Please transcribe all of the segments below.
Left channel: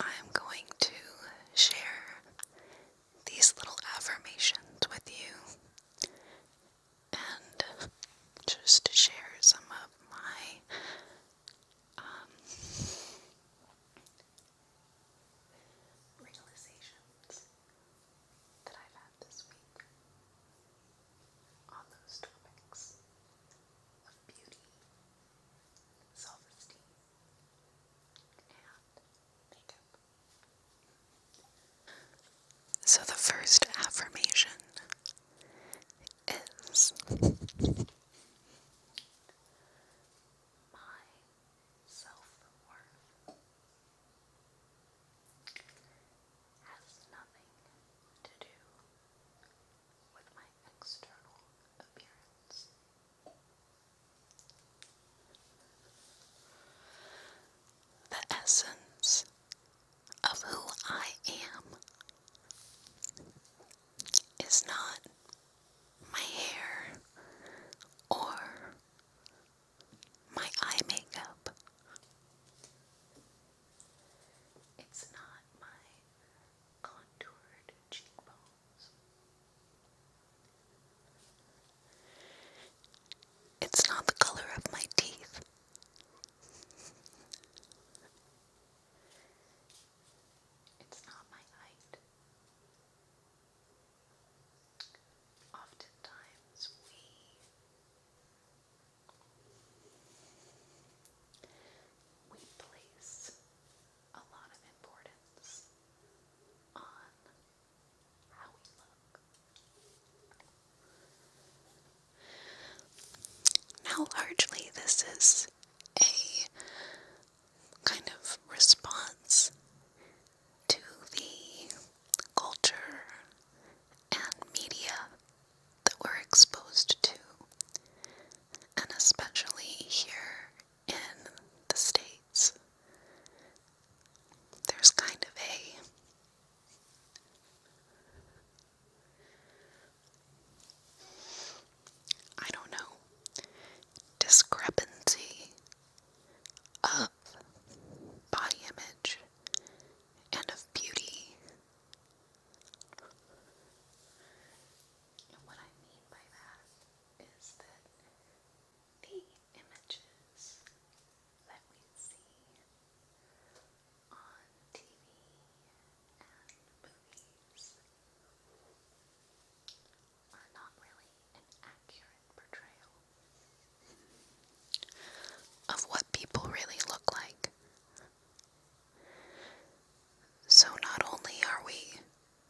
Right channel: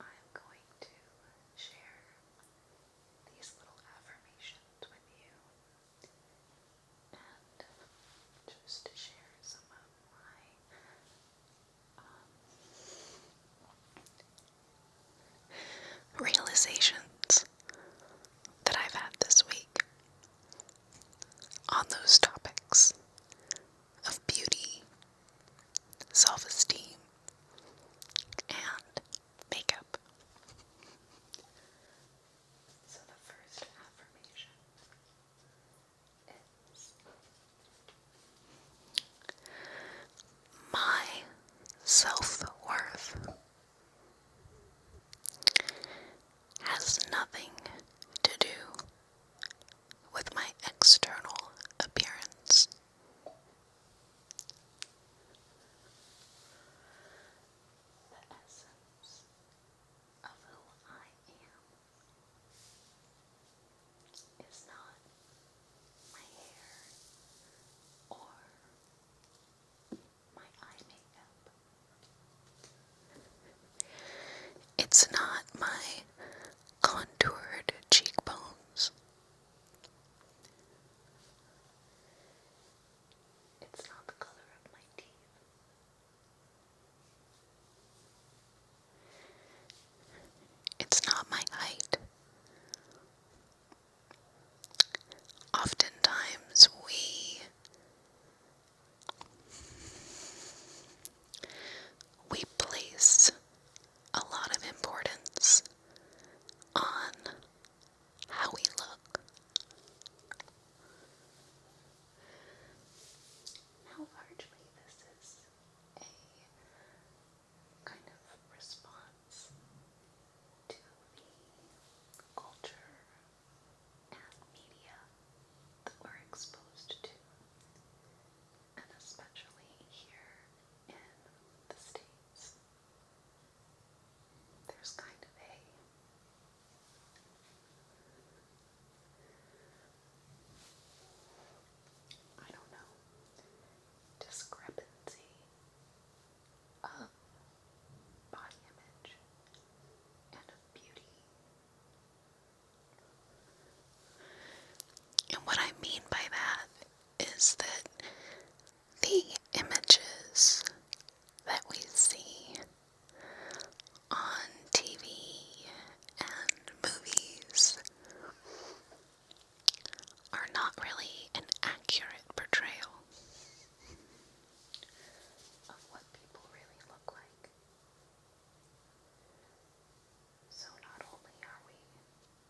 I'm going to share these little affirmations with you and just to share some of my realizations that I've had this week on those topics of beauty, self-esteem, and makeup. So the first affirmation is, my self-worth has nothing to do with my external appearance. The essence of who I am is not my hair or my eye makeup. It's not my contoured cheekbones. It's not the color of my teeth. It's not my height. Oftentimes we place a lot of importance on how we look. Now, largely this is a kind of response to the culture and media that we're exposed to, and especially here in the States. There's kind of I don't know, discrepancy of body image and of beauty. And what I mean by that is that the images that we see on TV and movies are not really an accurate portrayal of what people really look like. So not only are we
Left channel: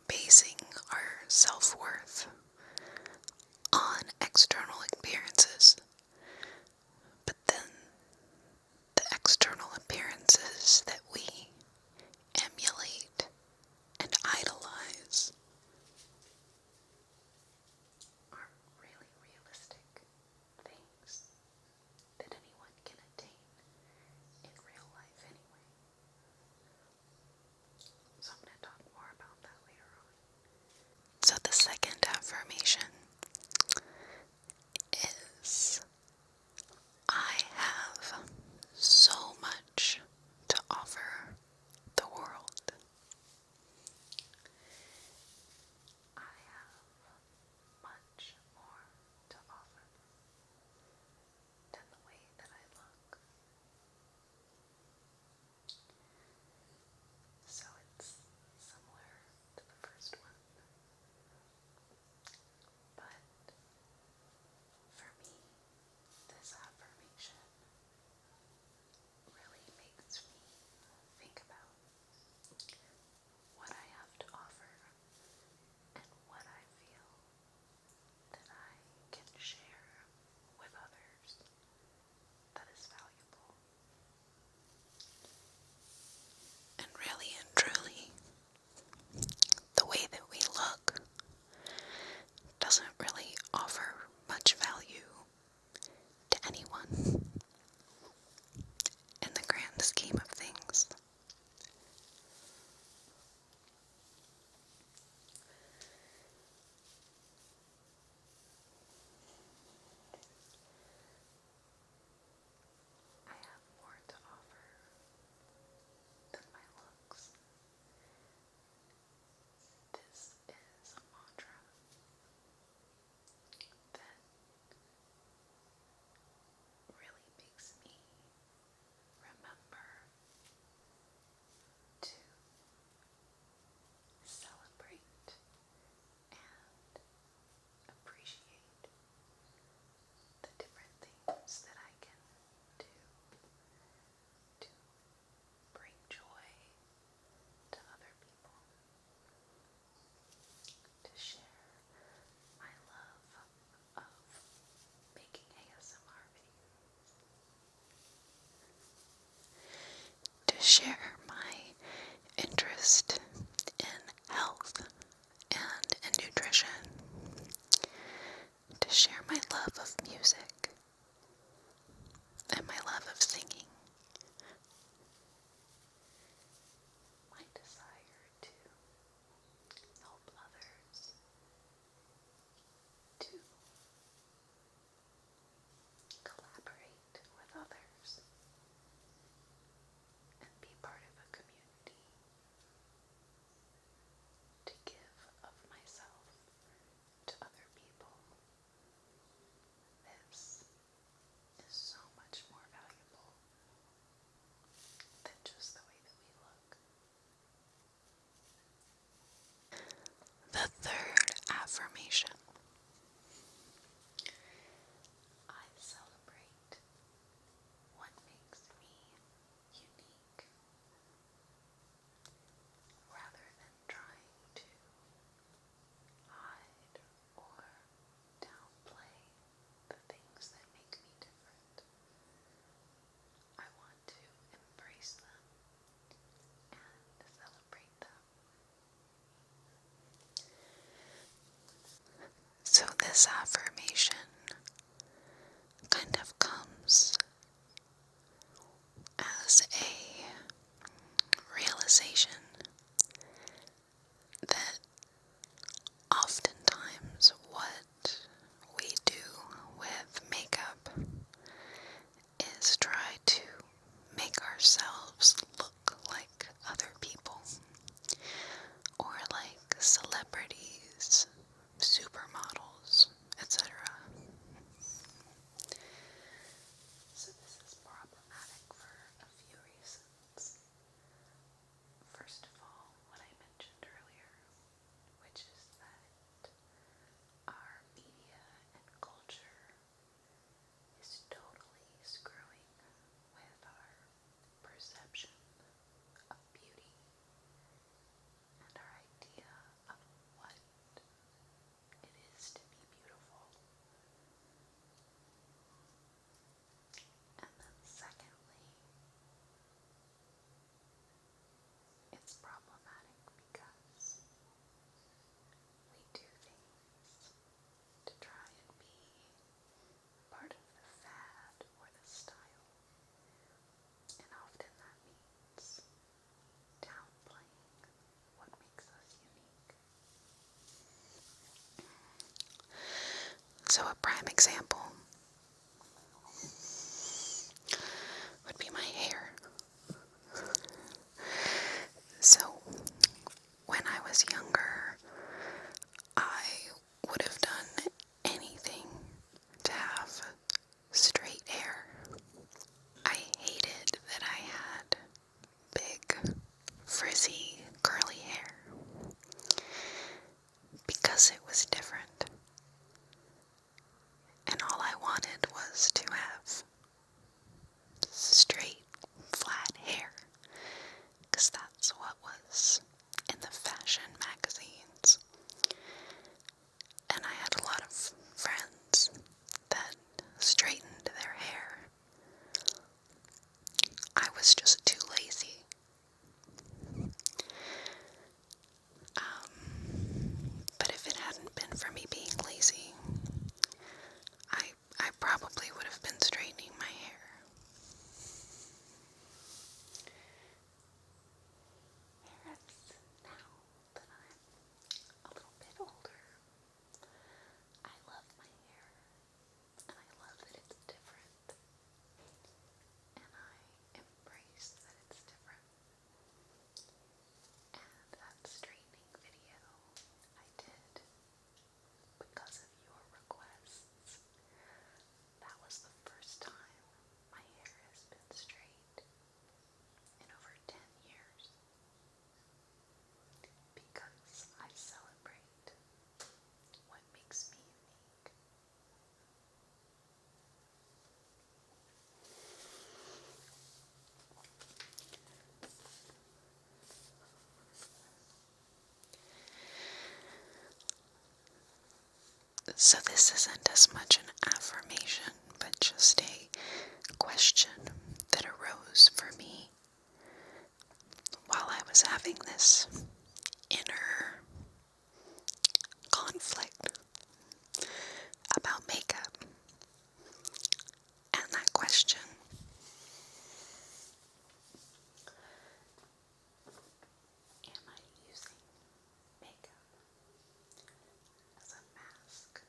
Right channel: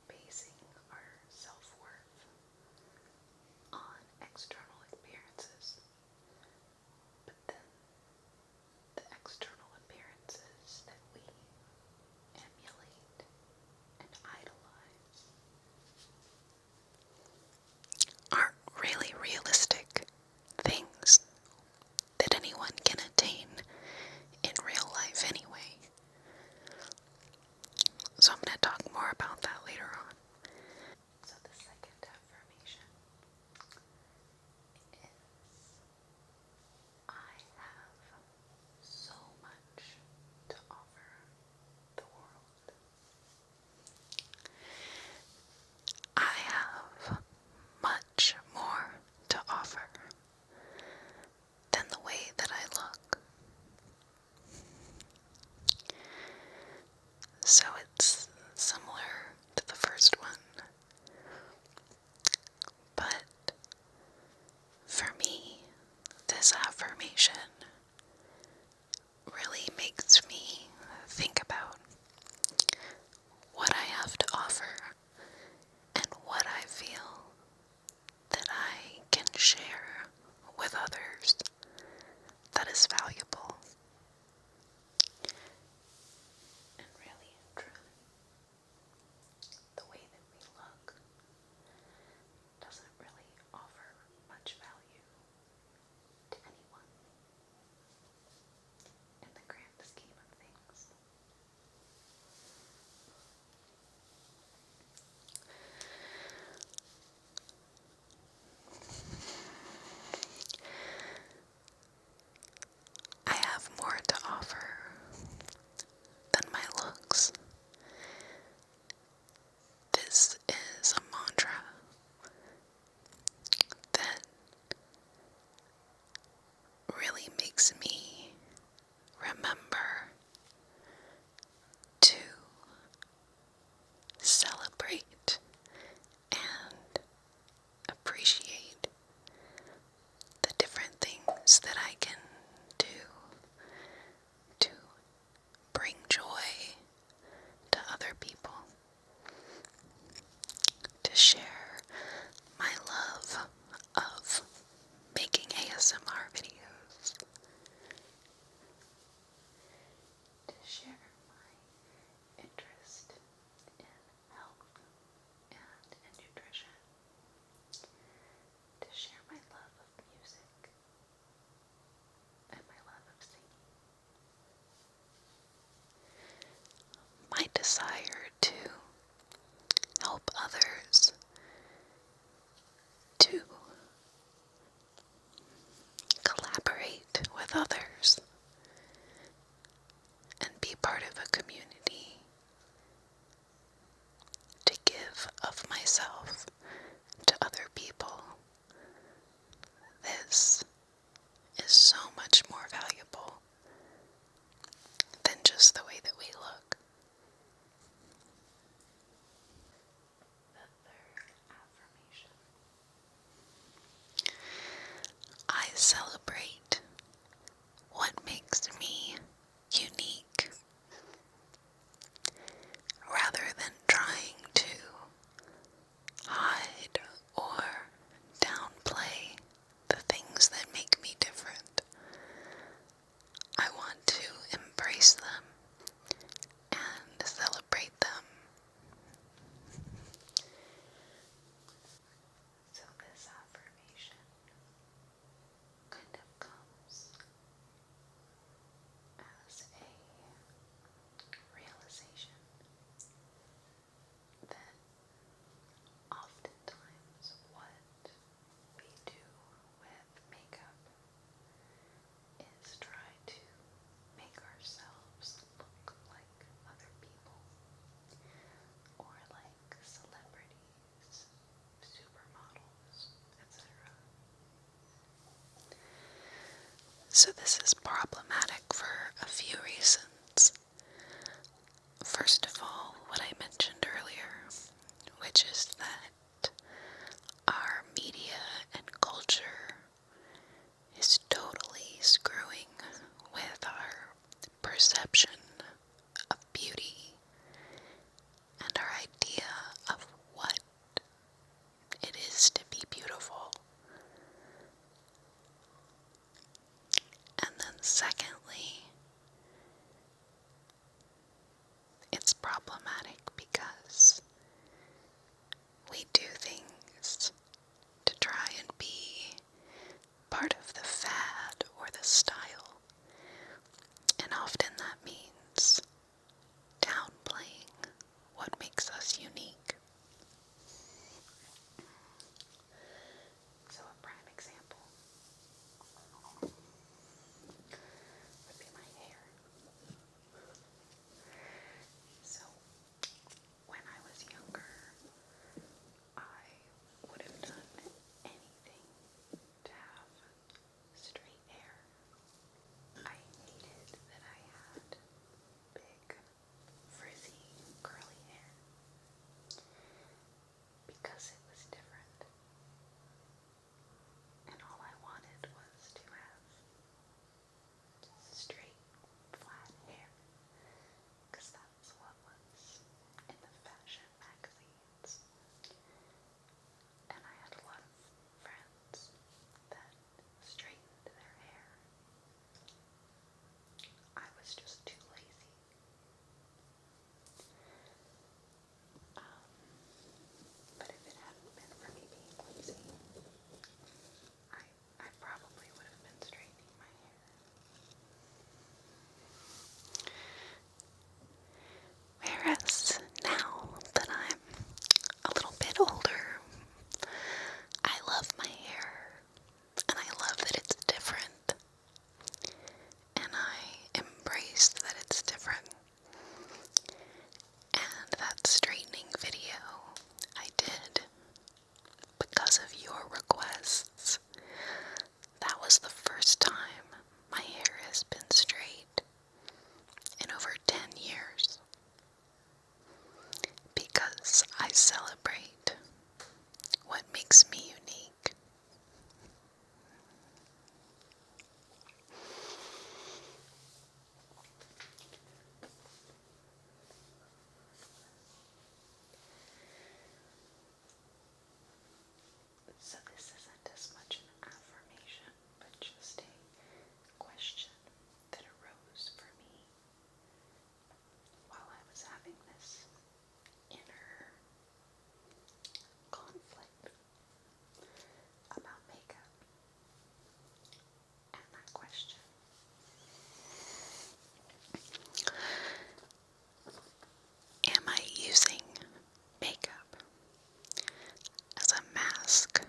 basing our self-worth on external appearances, but then the external appearances that we emulate and idolize aren't really realistic things that anyone can attain in real life anyway. So I'm going to talk more about that later on. So the second affirmation is, I have so much to offer the world. I have much more to offer than the way that I look. So it's similar to the first one, First of all, what I mentioned earlier, which is that our media and culture is totally screwing with our perception of beauty and our idea of what it is to be beautiful. And then secondly, it's problematic because we do things to try and be part of the fad or the style, and often that means downplaying what makes us unique. So a prime example would be my hair. So when I was younger, I would have done anything to have straight hair. I hated that I had big, frizzy, curly hair because it was different. And all I wanted was to have straight, flat hair, because that's what was in the fashion magazines. And I had a lot of friends that straightened their hair. I was just too lazy. But if it hadn't been for me being lazy, I probably would have been straightening my hair. Whereas now that I'm a little bit older, I love my hair, and I love that it's different, and I embrace that it's different. And that straightening video I did because of your requests. That was the first time my hair has been straight in over 10 years, because I celebrate what makes me unique. So this isn't as much an affirmation, but just a question that arose for me while I was having this inner conflict about makeup. And that question am I using makeup as a mask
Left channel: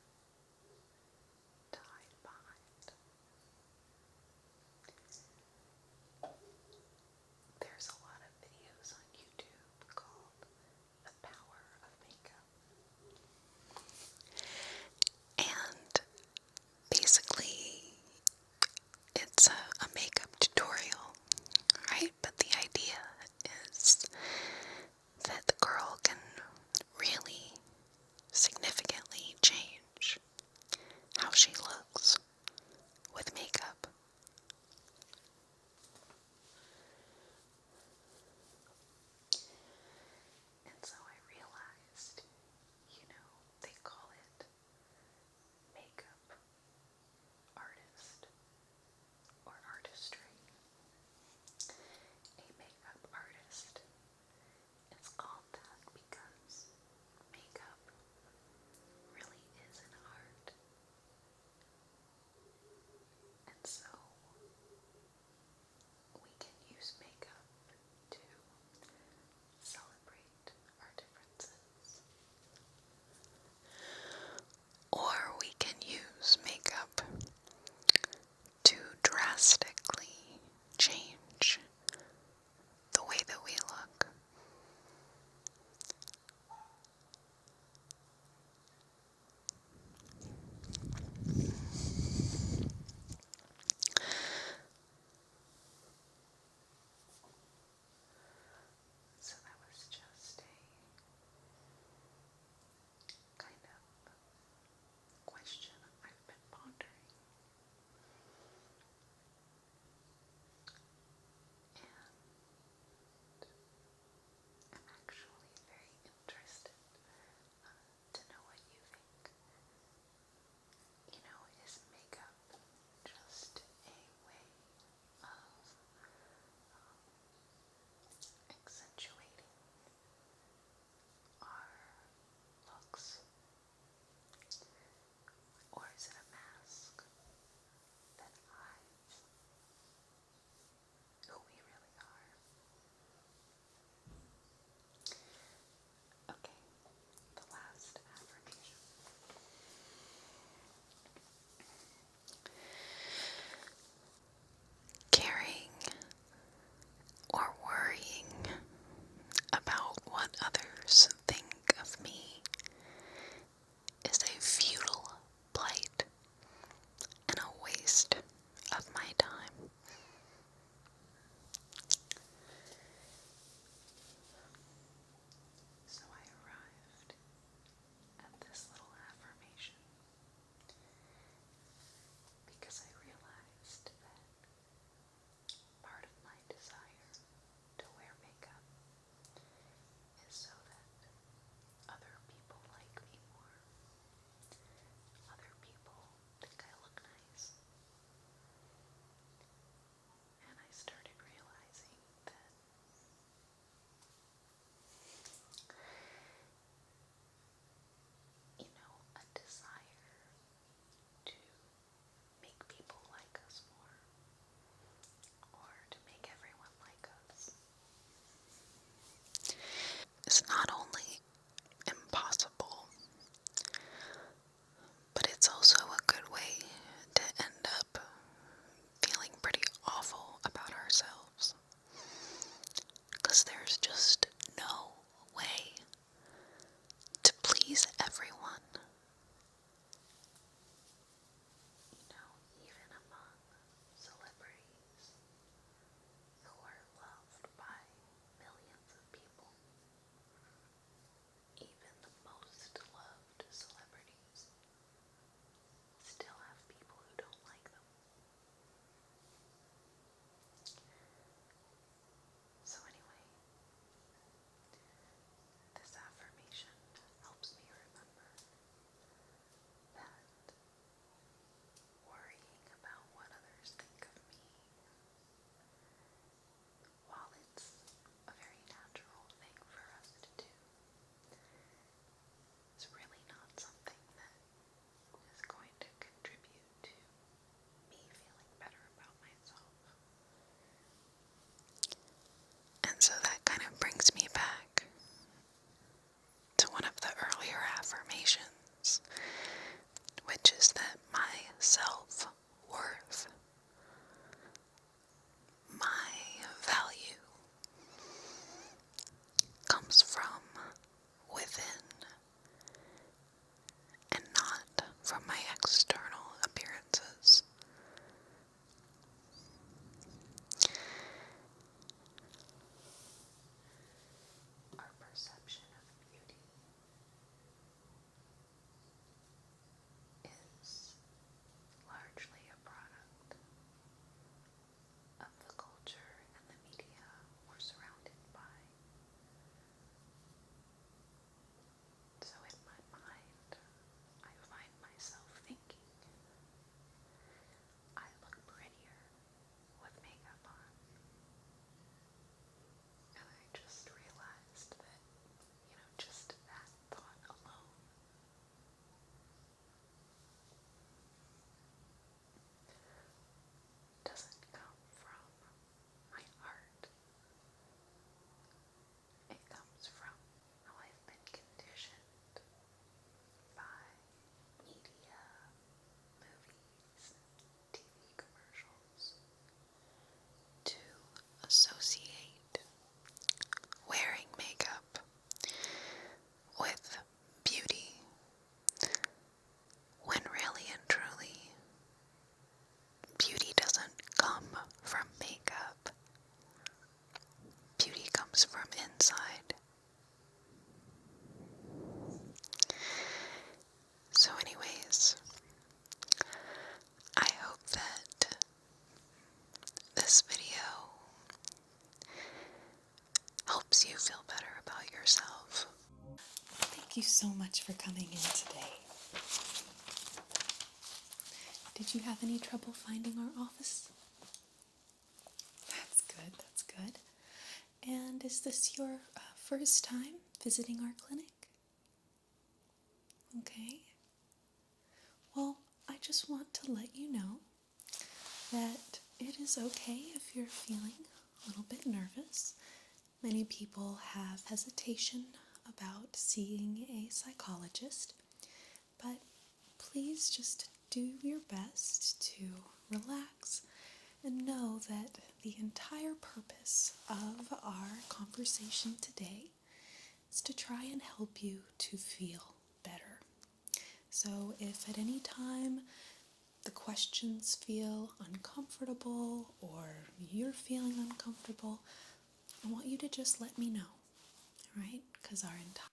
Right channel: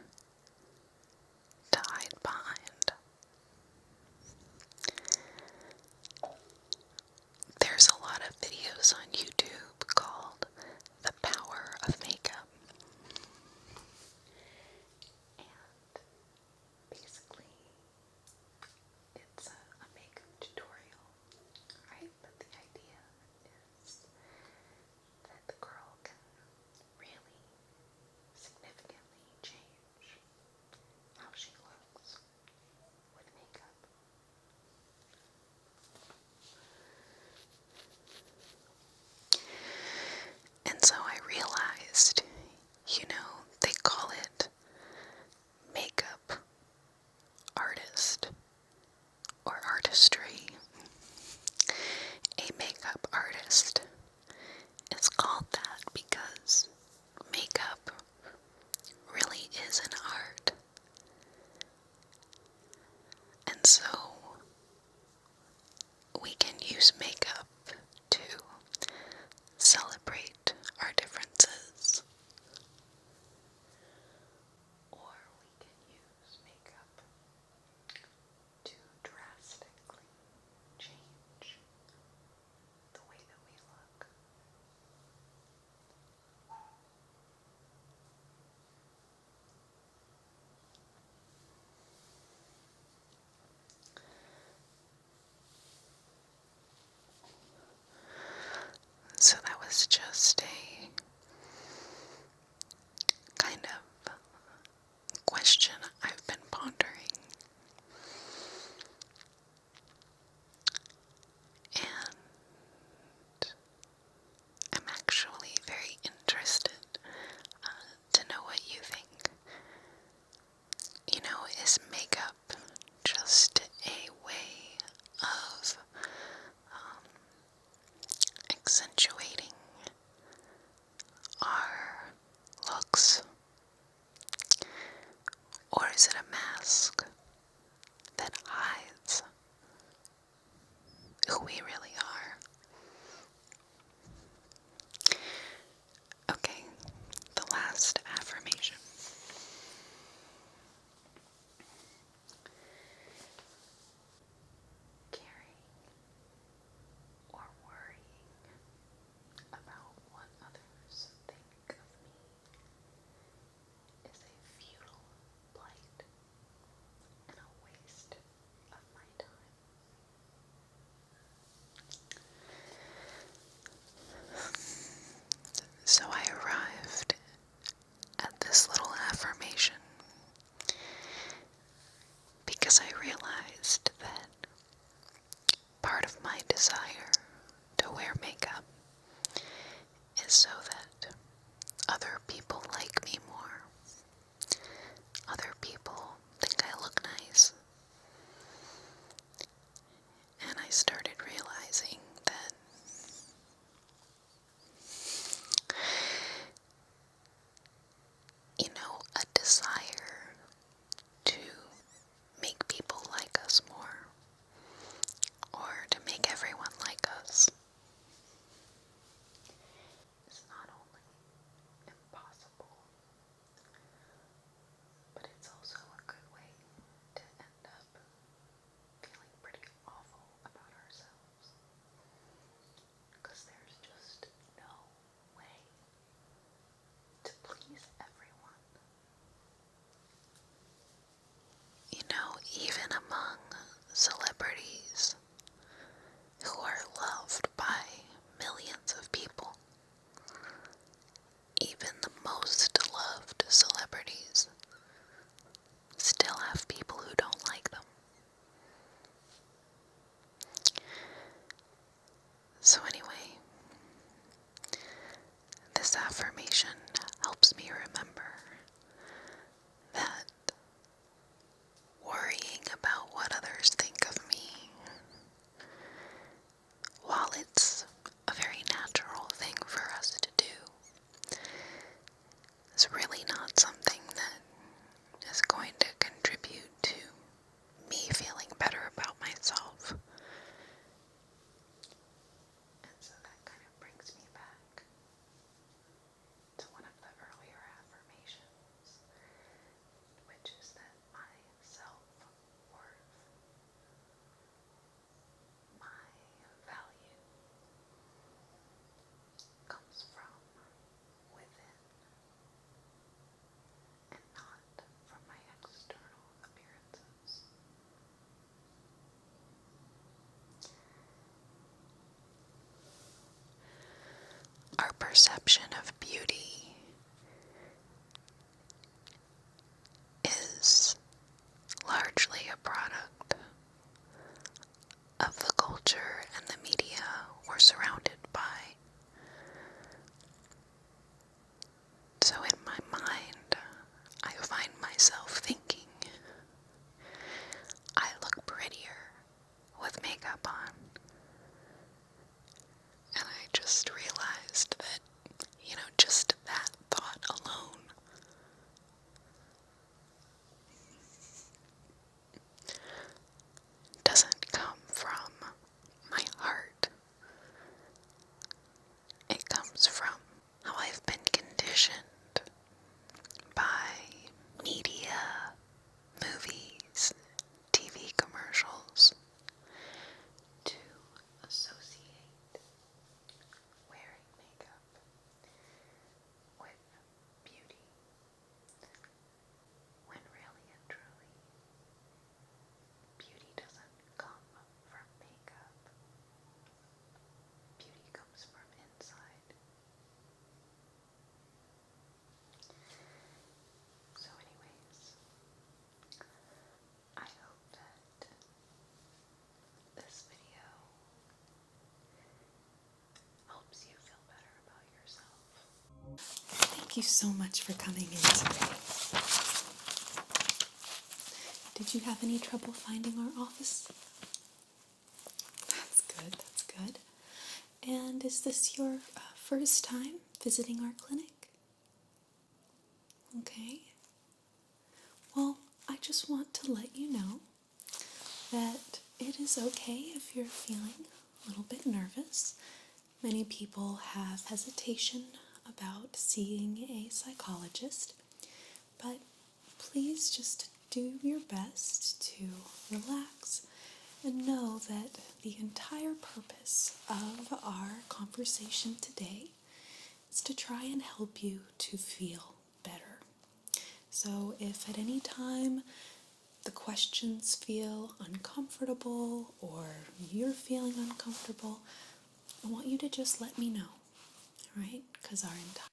to hide behind? There's a lot of videos on YouTube called The Power of Makeup. was just a kind of question I've been pondering. And I'm actually very interested to know what you think. You know, is makeup just a way of accentuating our looks? Or is it a mask that hides who we really are? Okay, the last affirmation. Caring or worrying about what others think of me is a futile plight and a waste of my time. So I arrived at this little affirmation because I realized that part of my desire to wear makeup is so that other people like me more. Other people think I look nice. And I started realizing that a desire to make people like us more, or to make everyone like us, is not only impossible, but it's also a good way to end up feeling pretty awful about ourselves. Because there's just no way to please everyone. Even among celebrities who are loved by millions of people, even the most loved celebrities still have people who don't like them. So anyway, this affirmation helps me remember that worrying about what others think of me, while it's a very natural thing for us to do, is really not something that is going to contribute to me feeling better about myself. And so that kind of brings me back to one of the earlier affirmations, which is that my self-worth, my value, comes from within and not from my external appearances. Our perception of beauty is largely a product of the culture and the media we're surrounded by. So in my mind, I find myself thinking, I look prettier with makeup on. And I just realized that, Thank you so much for coming in today. Did you have any trouble finding our office? That's good, that's good. And is this your first time visiting our clinic? Okay. Well, I just want to let you know that it is okay if you're feeling a little bit nervous. Many people have hesitation about seeing a psychologist, but please just do your best to relax and know that the entire purpose of our conversation today is to try and help you to feel better. So if at any time the questions feel uncomfortable or you're feeling uncomfortable, I want you to just let me know, right? Because our entire